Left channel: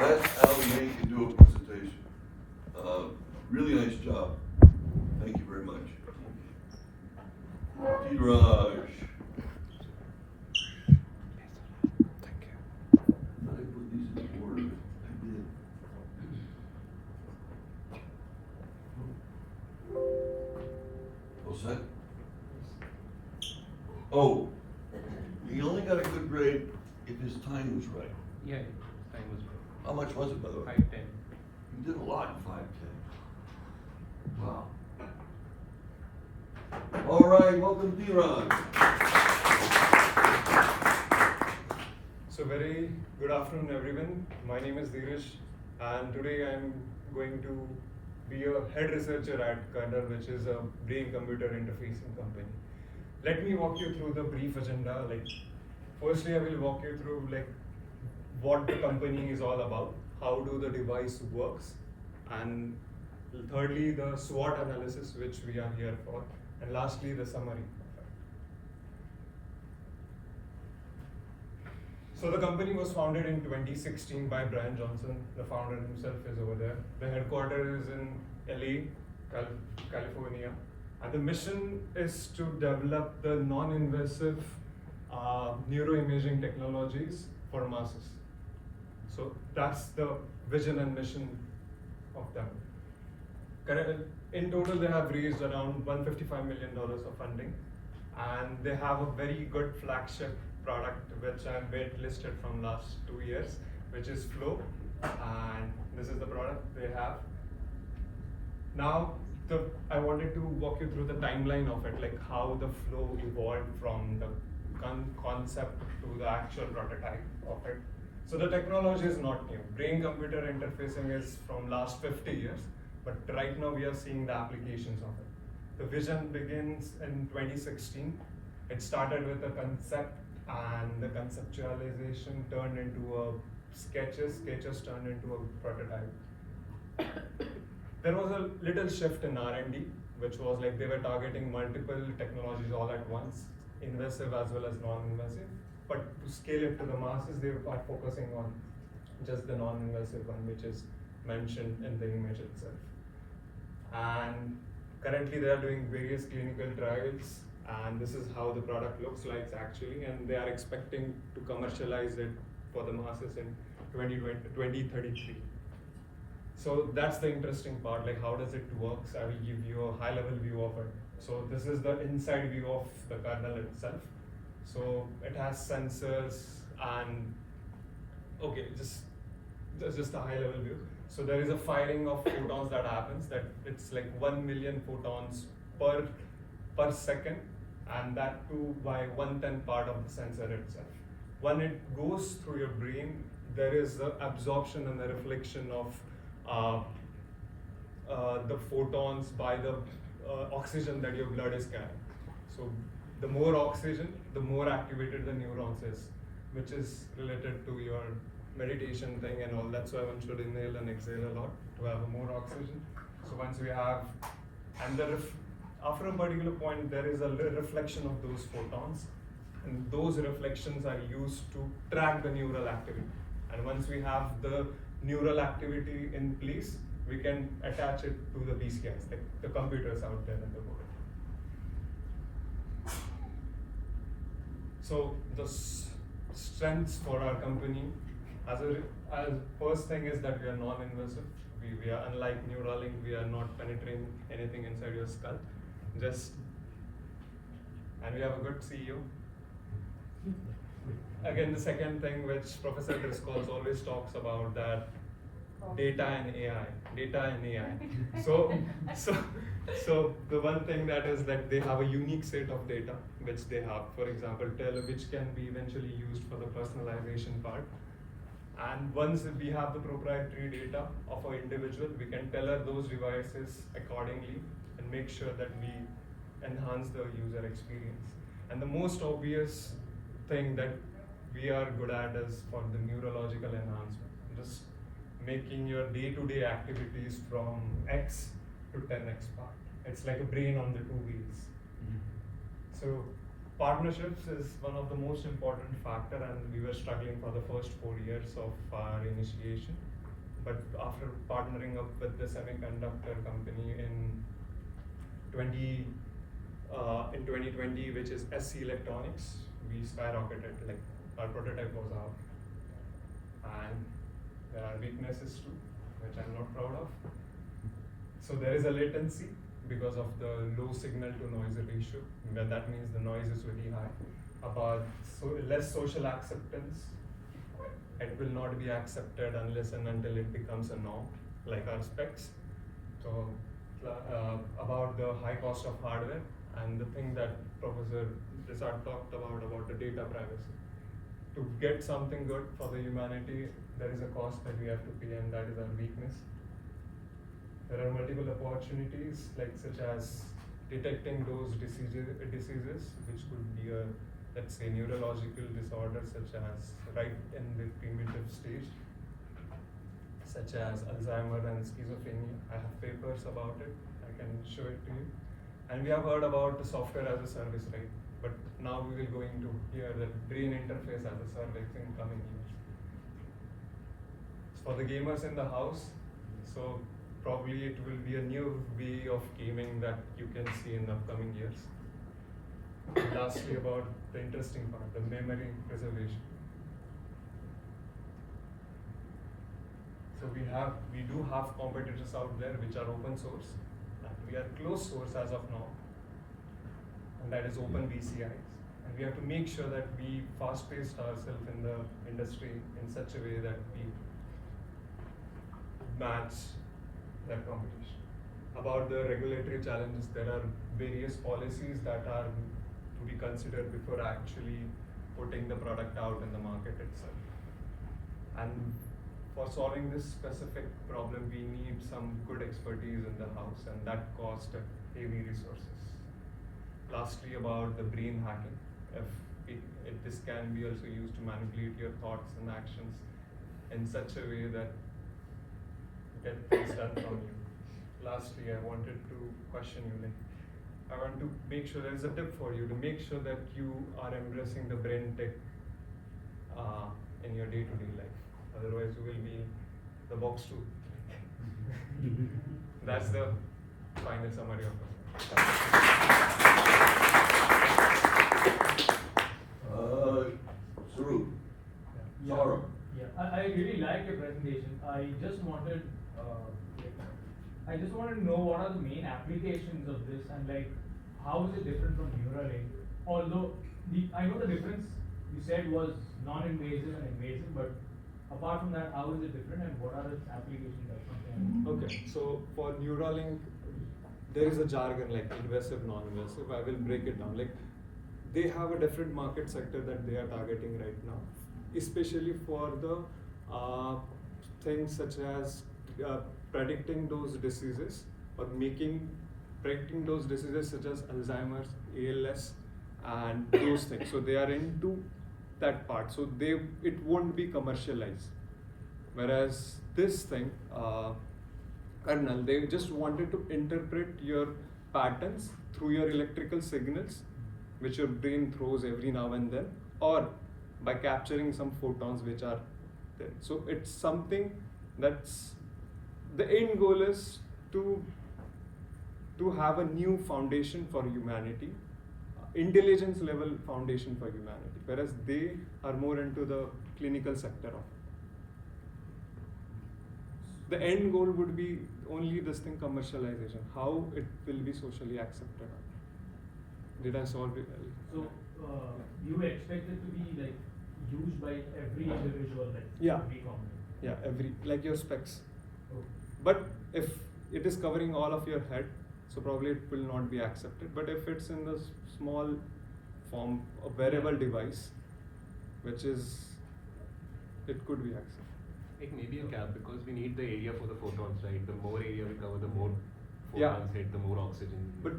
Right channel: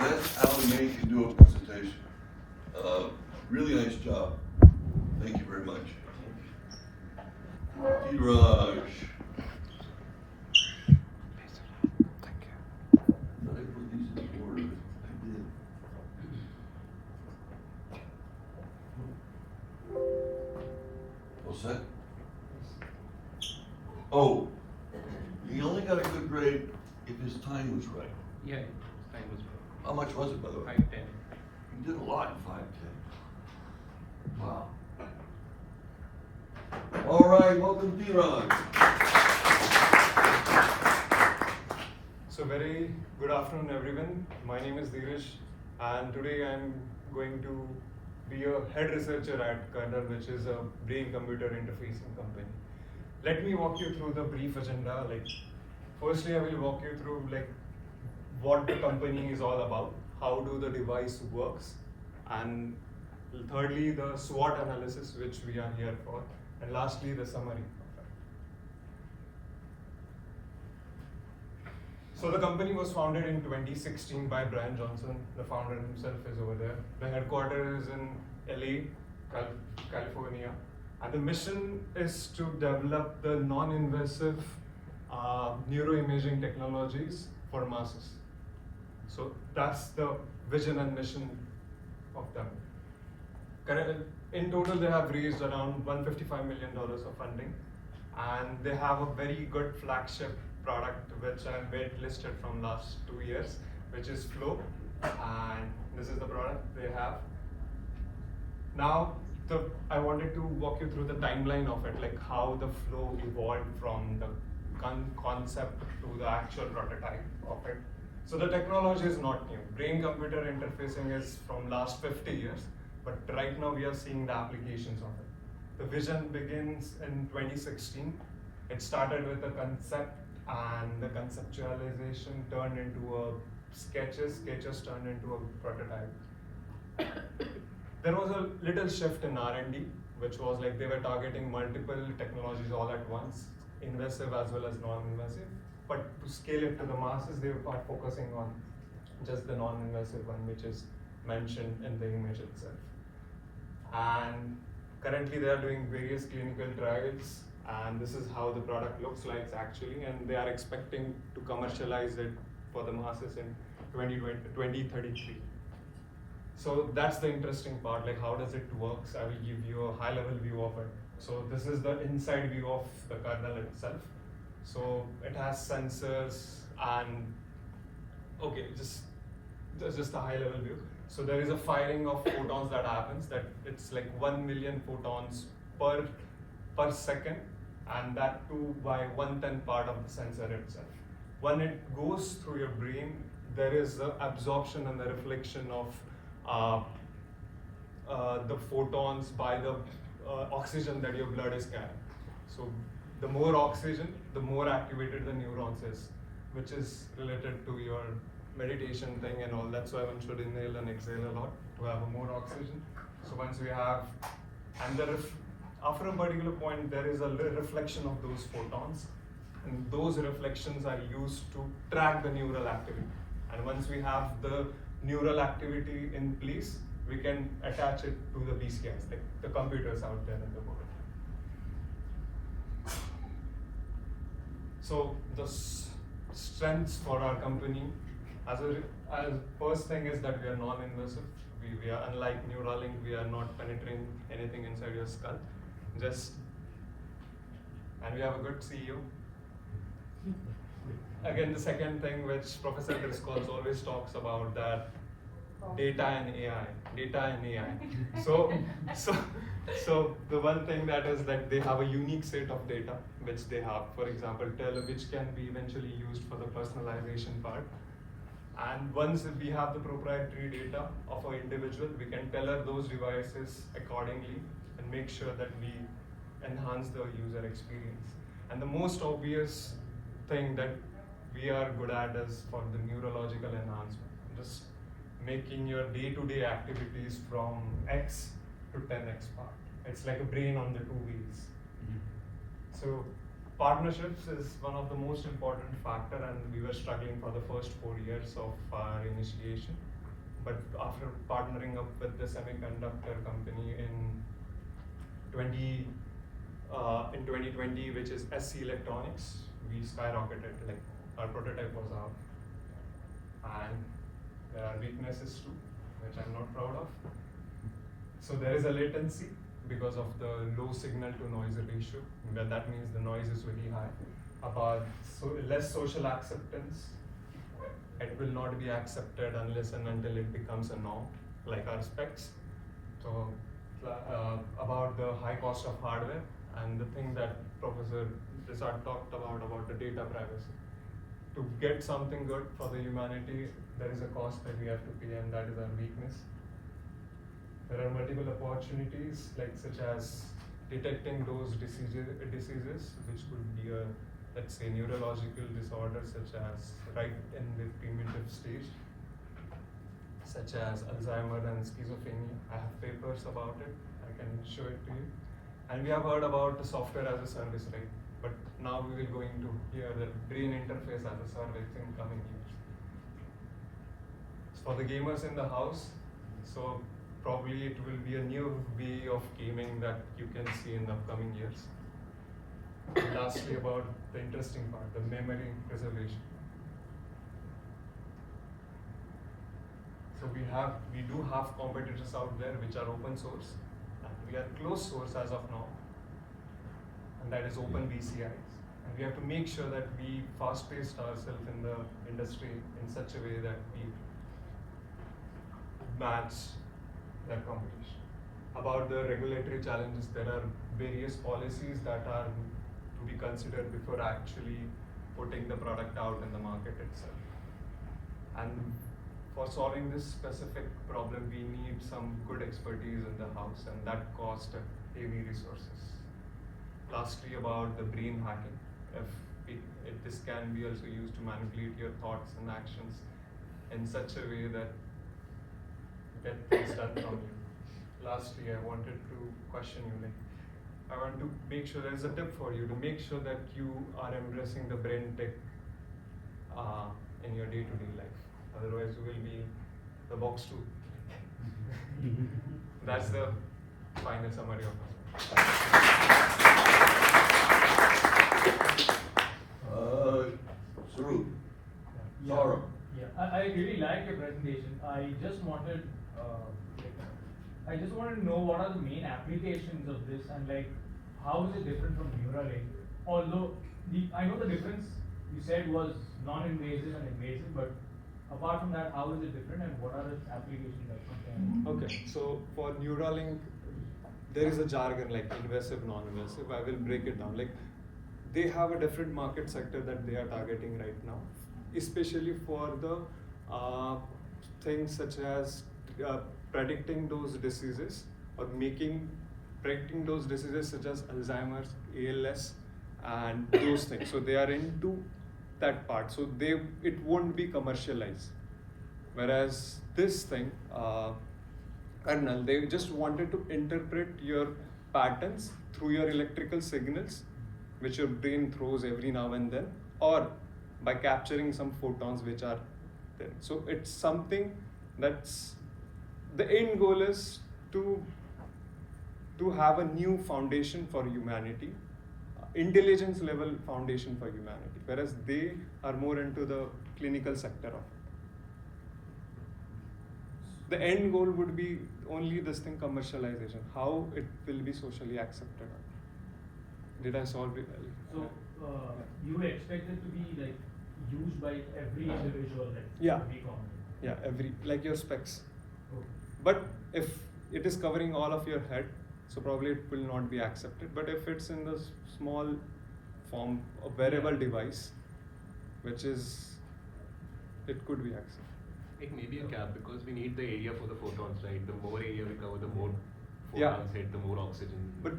That's how we can do a presentation. Really nice job. Thank you very much. Raj. Thank you. Did I put these in order? I did. What's that? Oh, he only got a good grade if his time was right. Yeah, time is good. How much was it, by the way? 510. You did a lot in 510. Wow. All right, welcome, Dhiran. So very good afternoon, everyone. My name is Dheeraj, and today I'm going to be a head researcher at Kernel, which is a brain-computer interfacing company. Let me walk you through the brief agenda. Firstly, I will walk you through what the company is all about, how do the device works, and thirdly, the SWOT analysis, which we are here for, and lastly, the summary. So the company was founded in 2016 by Brian Johnson. The founder himself is over there. The headquarters is in LA, California. And the mission is to develop the non-invasive neuroimaging technologies for masses. So that's the vision and mission of them. In total, they have raised around $155 million of funding, and they have a very good flagship product which I have listed from last 2 years, which is Flow, and this is the product they have. Now, I wanted to walk you through the timeline of it, like how the Flow evolved from the concept to the actual prototype of it. So the technology is not new. Brain-computer interfacing is from last 50 years, but right now we are seeing the applications of it. The vision begins in 2016. It started with a concept, and the conceptualization turned into sketches turned into a prototype. There was a little shift in R&D, which was like they were targeting multiple technologies all at once, invasive as well as non-invasive. But to scale it to the masses, they were focusing on just the non-invasive one, which is mentioned in the image itself. And currently they are doing various clinical trials, and this is how the product looks like actually, and they are expecting to commercialize it for the masses in 2033. So that's the interesting part, like how does it work? I will give you a high level view of it. So this is the inside view of the kernel itself. So it has sensors and, okay, just a high level view. So there is a firing of photons that happens, that it's like 1 million photons per second, and that too by 1/10 part of the sensor itself. When it goes through your brain, there is the absorption and the reflection of the photons by the oxygen that your blood is carrying. So the more oxygen, the more activated the neurons is, which is related to your meditation thing and all. That's why one should inhale and exhale a lot to have more oxygen. So once we have, and after a particular point, there is a reflection of those photons, and those reflections are used to track the neural activity. And once we have the neural activity in place, we can attach it to the BCIs, like the computers out there in the world. So the strengths for our company, as first thing is that we are non-invasive. We are unlike Neuralink. We are not penetrating anything inside your skull. And we have a good CEO. Again, the second thing which Professor Driscoll always talks about, that data and AI. So the one thing that is that they have a unique set of data which they have, for example, which can be eventually used for the personalization part. And once we have the proprietary data of an individual, we can tailor those devices accordingly and make sure that we enhance the user experience. And the most obvious thing that we are good at is for the neurological enhancement, just making your day-to-day activities from X to 10x part. It's like a brain on the two wheels. So partnerships is one of the most important factor, and we were struggling for the first 4 years of our initiation. But after partnering up with the semiconductor company in 2020, which is SC Electronics, we skyrocketed. Like our prototype was out, and there are weaknesses too, which I'm not proud of. So there is a latency because of the low signal to noise ratio. Well, that means the noise is really high. About less social acceptance. It will not be accepted unless and until it becomes a norm, like our specs. So about the high cost of hardware and the thing that Professor Desart talked about the data privacy. To get something good for the humanity, there is a cost that we have to pay, and that is our weakness. There are multiple opportunities, like such as detecting those diseases, which could be a, let's say, neurological disorder, such as right in the primitive stage, such as Alzheimer's and schizophrenia. I have papers about it. I can show it to you. And we have heard about the software as a service, right? But now we will go into here the brain interface as a service in coming years. For the gamers in the house, so probably it will be a new way of gaming that you can see in the upcoming years. And lastly, about the interesting part, the memory preservation. So we do have competitors out there which are open source, and we are closed source as of now, and that is OpenBCIs. And we have to make sure that we fast-paced ourselves in the industry in such a way that we match that competition. About the regulatory challenges, there are various policies that are to be considered before actually putting the product out in the market itself. And for solving this specific problem, we need some good expertise in the house, and that costs heavy resources. Lastly, about the brain hacking. This can be also used to manipulate your thoughts and actions in such a way that get things done from you. Lastly, I wanted to question you. Like, I want to make sure there is a tip for you to make sure that you are embracing the brain tech in your day-to-day life. Otherwise, you will be the box too. That's the final summary of it. Sarup. Yeah. Saurabh. Yeah, I really liked your presentation. I just wanted to know what are the main applications of this, and like how is it different from Neuralink? Although I know the difference you said was non-invasive and invasive, but apart from that, how is it different, and what are the applications that you can? Okay, so for Neuralink, there is a jargon like invasive, non-invasive. I will break it down. Like, they have a different market sector that they are targeting right now, especially for the things such as predicting those diseases or predicting those diseases such as Alzheimer's, ALS, and those things. So they are into that part. So it won't be commercialized. Whereas this thing, kernel, they just wanted to interpret your patterns through your electrical signals, which your brain throws every now and then, or by capturing some photons which are there. So it's something that's, the end goal is to have a new foundation for humanity, intelligence level foundation for humanity, whereas they are more into the clinical sector of. The end goal would be only this thing, commercialization, how it will be socially accepted. Did I solve it? So you expect it to be like used by every individual, like Yeah. every company. Yeah, like your specs. Okay. But if it is covering all of your head, so probably it will not be accepted. But if it's in the small form, a wearable device, which is, it could be accepted. It may be a cap because we need the area for the photons, right? The more area we cover, the more Yeah. photons hit, the more oxygen. But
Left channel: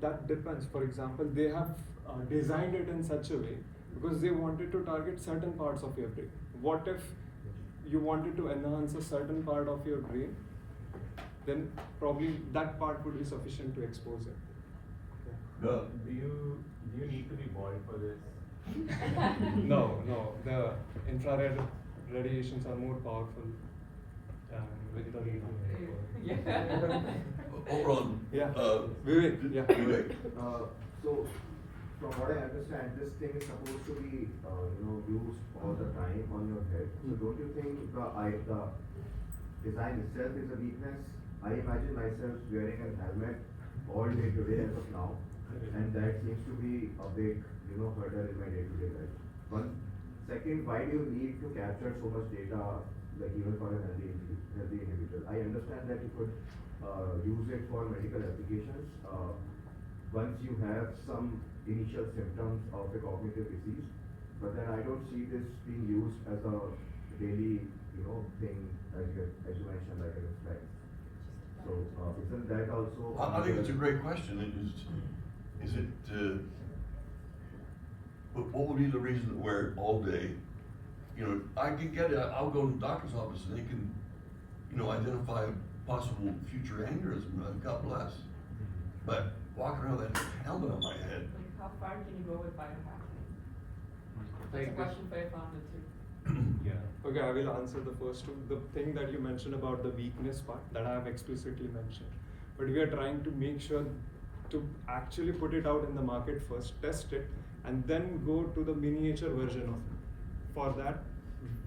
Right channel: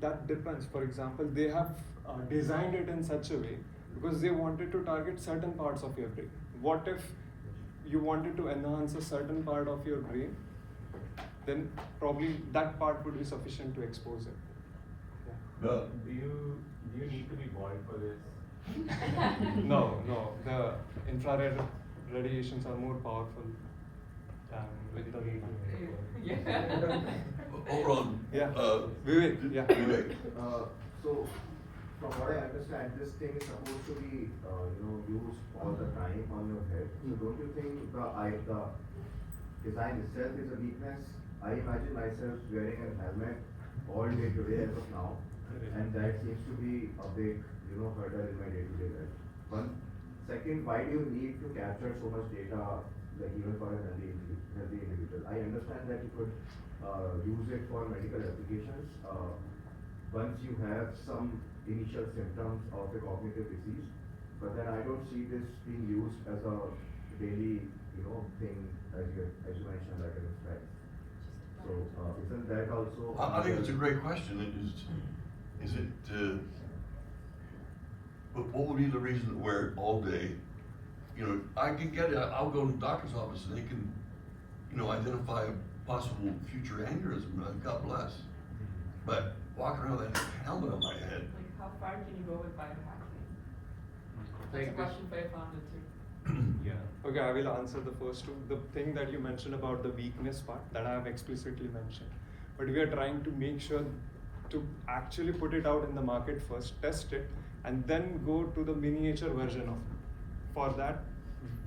that depends. For example, they have designed it in such a way because they wanted to target certain parts of your brain. What if you wanted to enhance a certain part of your brain? Then probably that part would be sufficient to expose it. Yeah. Do you Do you need to be bald for this? No, the infrared radiations are more powerful with the heat. Hold on. Yeah. Vivek. Yeah. Vivek. So, from what I understand, this thing is supposed to be, used all the time on your head. So, don't you think the design itself is a weakness? I imagine myself wearing a helmet all day today as of now, and that seems to be a big, hurdle in my day-to-day life. One. Second, why do you need to capture so much data, like even for a healthy individual? I understand that you could use it for medical applications. Once you have some initial symptoms of a cognitive disease, but then I don't see this being used as a daily, thing as you mentioned, like an effect. So isn't that also? I think it's a great question. Is it, but what would be the reason to wear it all day? I can get it, I'll go to the doctor's office and they can, identify a possible future aneurysm, God bless. But walking around with that helmet on my head, Like, how far can you go with biohacking? That's a Like question Faith wanted to. Yeah. Okay, I will answer the first two. The thing that you mentioned about the weakness part that I have explicitly mentioned, but we are trying to make sure to actually put it out in the market first, test it, and then go to the miniature version of it. For that,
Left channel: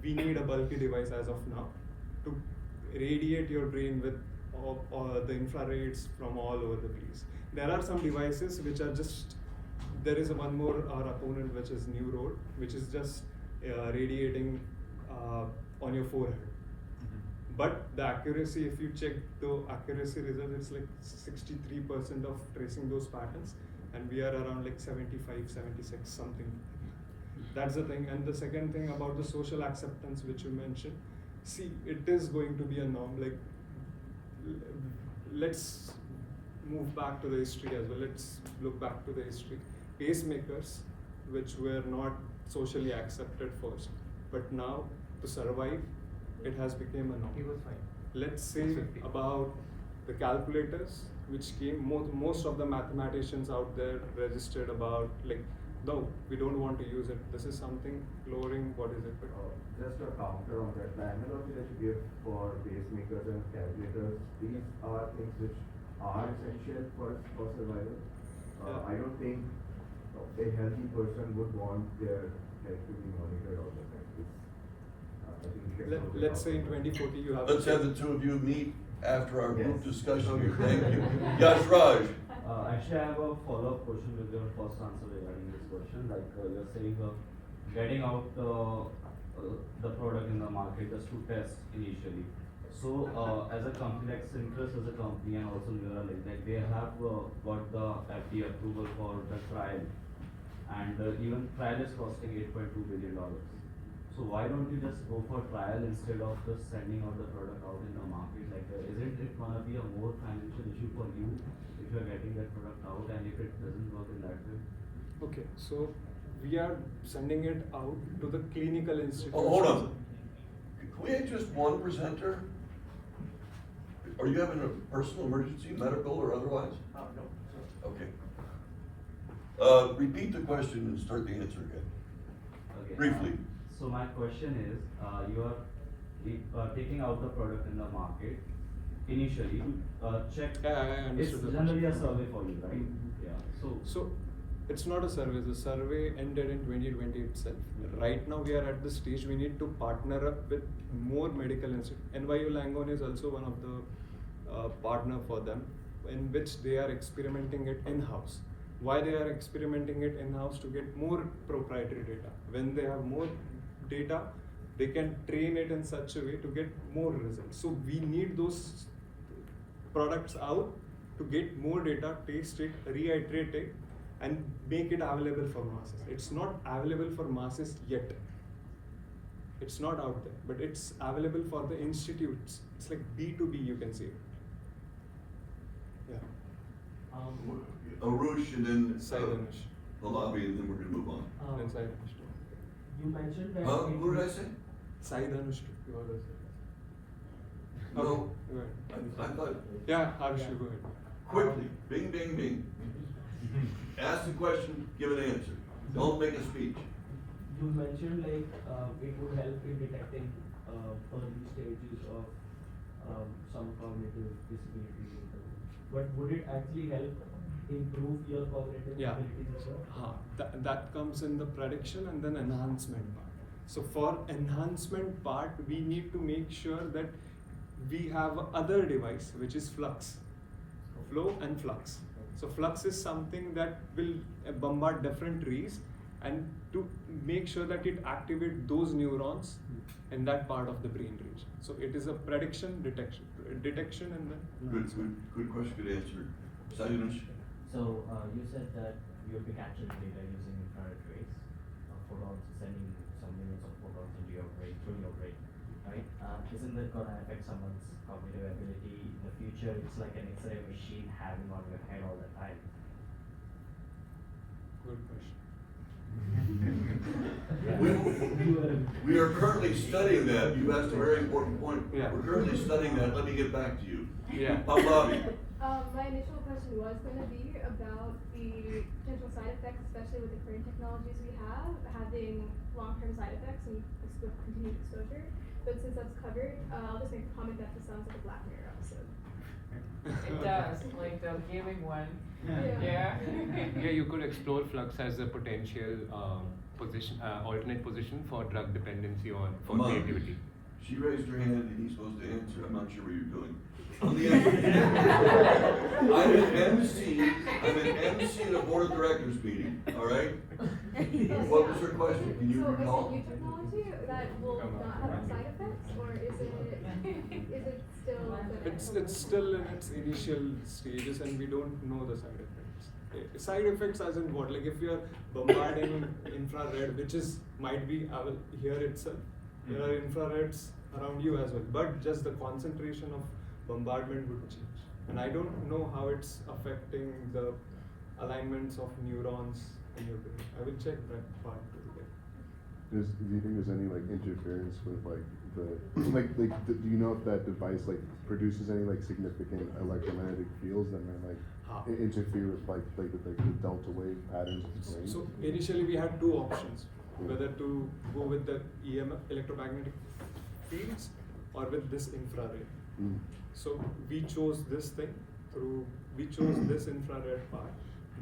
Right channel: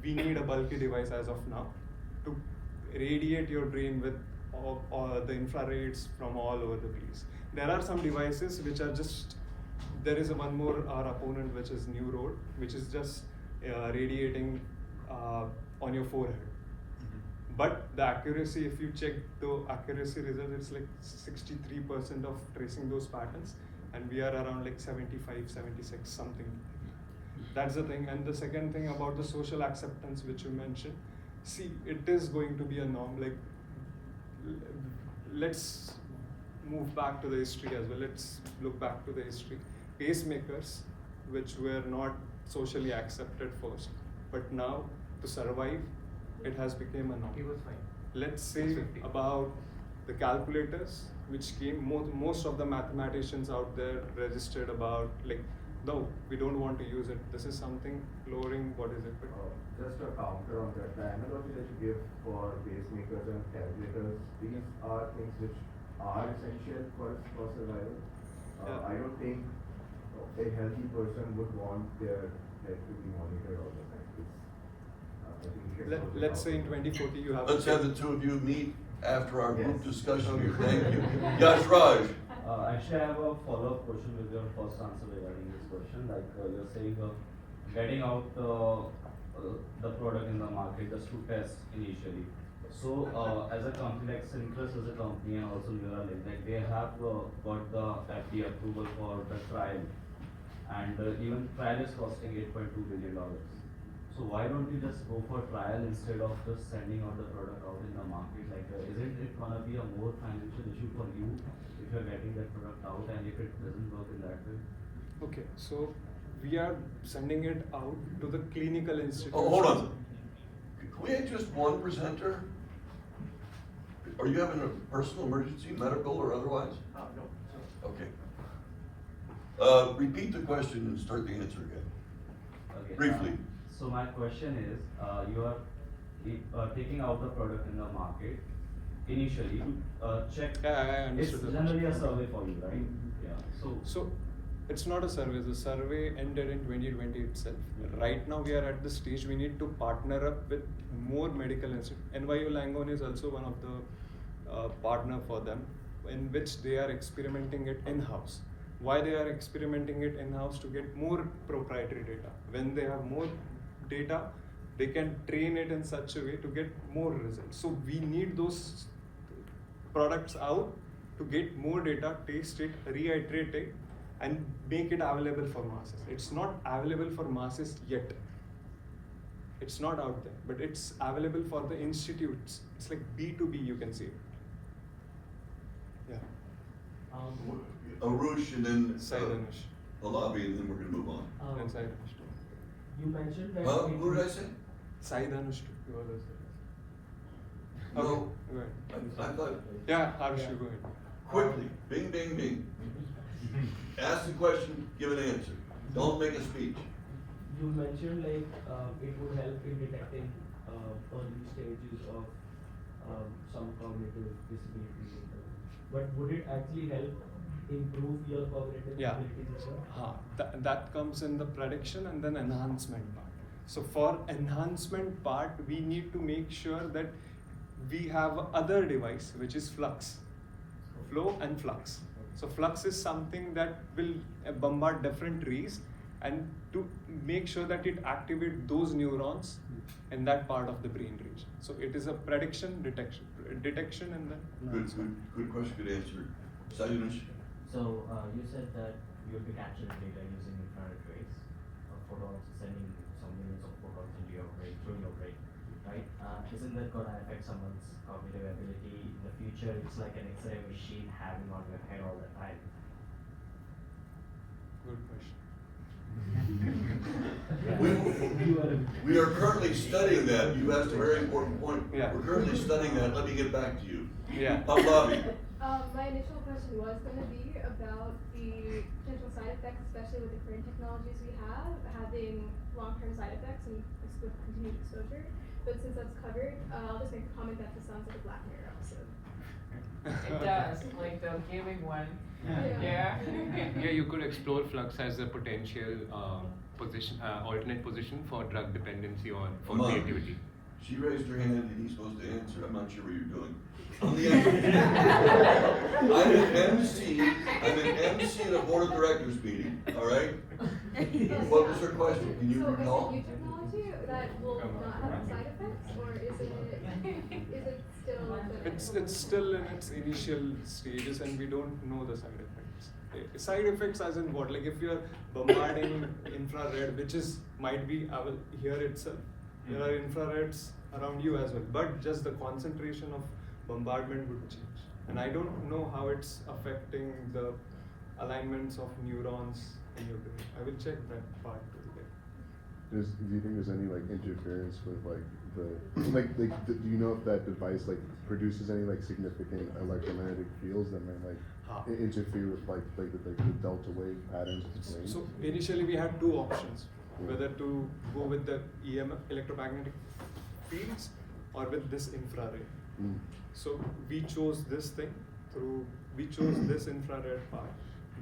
we need a bulky device as of now to radiate your brain with all the infrareds from all over the place. There are some devices which are just, there is one more our opponent which is New Road, which is just radiating on your forehead. But the accuracy, if you check the accuracy result, it's like 63% of tracing those patterns, and we are around like 75, 76, something. That's the thing. And the second thing about the social acceptance, which you mentioned, see, it is going to be a norm. Like, let's move back to the history as well. Let's look back to the history. Pacemakers, which were not socially accepted first, but now to survive, it has become a norm. Let's say about the calculators, which came, most of the mathematicians out there registered about, like, no, we don't want to use it. This is something lowering, what is it? Just a counter on that, the analogy that you give for pacemakers and calculators, these are things which are essential for survival. Yeah. I don't think a healthy person would want their head to be monitored all the time. I think we should also Let's say in talk about- 2040 you have. let's have the two of you meet after our Yes. discussion. Okay. Thank you. Yes, Raj. Actually, I have a follow-up question with your first answer regarding this question. Like you're saying, getting out the product in the market just to test initially. So, as a company like Synchros as a company and also Neuralink, like they have got the FDA approval for the trial, and even trial is costing $8.2 billion. So why don't you just go for trial instead of just sending out the product out in the market? Like, isn't it gonna be a more financial issue for you if you're getting that product out and if it doesn't work in that way? Okay, so we are sending it out to the clinical institutions. Oh, hold on. Can we have just one presenter? Are you having a personal emergency, medical or otherwise? Okay. Repeat the question and start the answer again. Okay, Briefly. so my question is, you are taking out the product in the market initially to check. Yeah, I It's understood the generally a question. survey for you, right? Yeah. So it's not a survey. The survey ended in 2020 itself. Right now we are at the stage we need to partner up with more medical institutes. NYU Langone is also one of the partner for them, in which they are experimenting it in-house. Why they are experimenting it in-house? To get more proprietary data. When they have more data, they can train it in such a way to get more results. So we need those products out to get more data, taste it, reiterate it, and make it available for masses. It's not available for masses yet. It's not out there, but it's available for the institutes. It's like B2B, you can say. Yeah. Arush and then Silence. the lobby, and then we're gonna move on. And Sai You mentioned that. Huh? What did I say? Sai Dhanush, he was also. No. Okay, go ahead. I thought, Yeah, Harsh, go ahead. quickly, bing, bing, bing. Ask the question, give an answer. Don't make a speech. You mentioned like it would help in detecting early stages of some cognitive disability. But would it actually help improve your cognitive Yeah. abilities as well? That comes in the prediction and then enhancement part. So for enhancement part, we need to make sure that we have other device which is flux, flow and flux. So flux is something that will bombard different trees and to make sure that it activates those neurons in that part of the brain region. So it is a prediction, detection and then enhancement. Good question, good answer. Saludos. So you said that you'll be capturing data using infrared rays, photons, sending some millions of photons into your brain, through your brain, right? Isn't that going to affect someone's cognitive ability in the future? It's like an X-ray machine having on your head all the time. Good question. We are currently studying that. You asked a very important point. Yeah. We're currently studying that. Let me get back to you. Yeah. Bobby. My initial question was going to be about the potential side effects, especially with the current technologies we have, having long-term side effects and with continued exposure. But since that's covered, I'll just make a comment that this sounds like a Black Mirror episode. It does, like the gaming one. Yeah. Yeah, you could explore flux as a potential position, alternate position for drug dependency or for Come on. creativity. She raised her hand and he's supposed to answer. I'm not sure what you're doing. On the answer. I'm an MC. I'm an MC at a board of directors meeting, all right? What was her question? Can you So is recall? it new technology that will not have side effects, or is it still? It's still in its initial stages and we don't know the side effects. Side effects as in what? Like if you're bombarding infrared, which is might be here itself. There are infrareds around you as well, but just the concentration of bombardment would change. And I don't know how it's affecting the alignments of neurons in your brain. I will check that part today. Do you think there's any like interference with like do you know if that device like produces any like significant electromagnetic fields that may like interfere with the delta wave patterns of the brain? So initially we had two options, whether to go with the EMF electromagnetic fields or with this infrared. Mm. So we chose this thing we chose this infrared part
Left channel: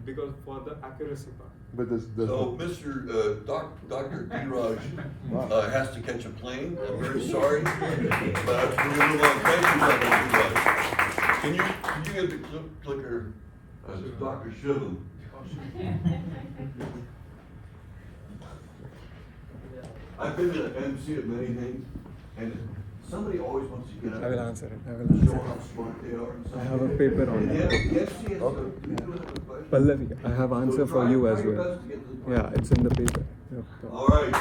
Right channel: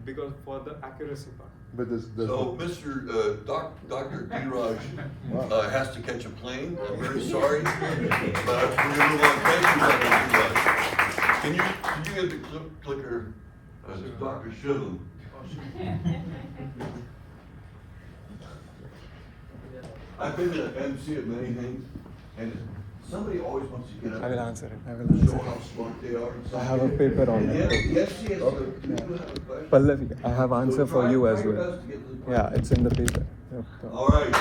because for the accuracy part. But does So, Mr. Dr. D-Raj has to catch a plane. I'm very sorry. But we're going to move on. Thank you, Dr. D-Raj. Can you get the clicker, Dr. Shivlin? I've been to MC of many things, and somebody always wants to get up. I will answer it. Show how smart they are. I have a paper on Yes, that. yes, yes. You have a question? Pallavi, I have answer So for try- you as try your well. best to get to the Yeah, question. it's in the paper. All right.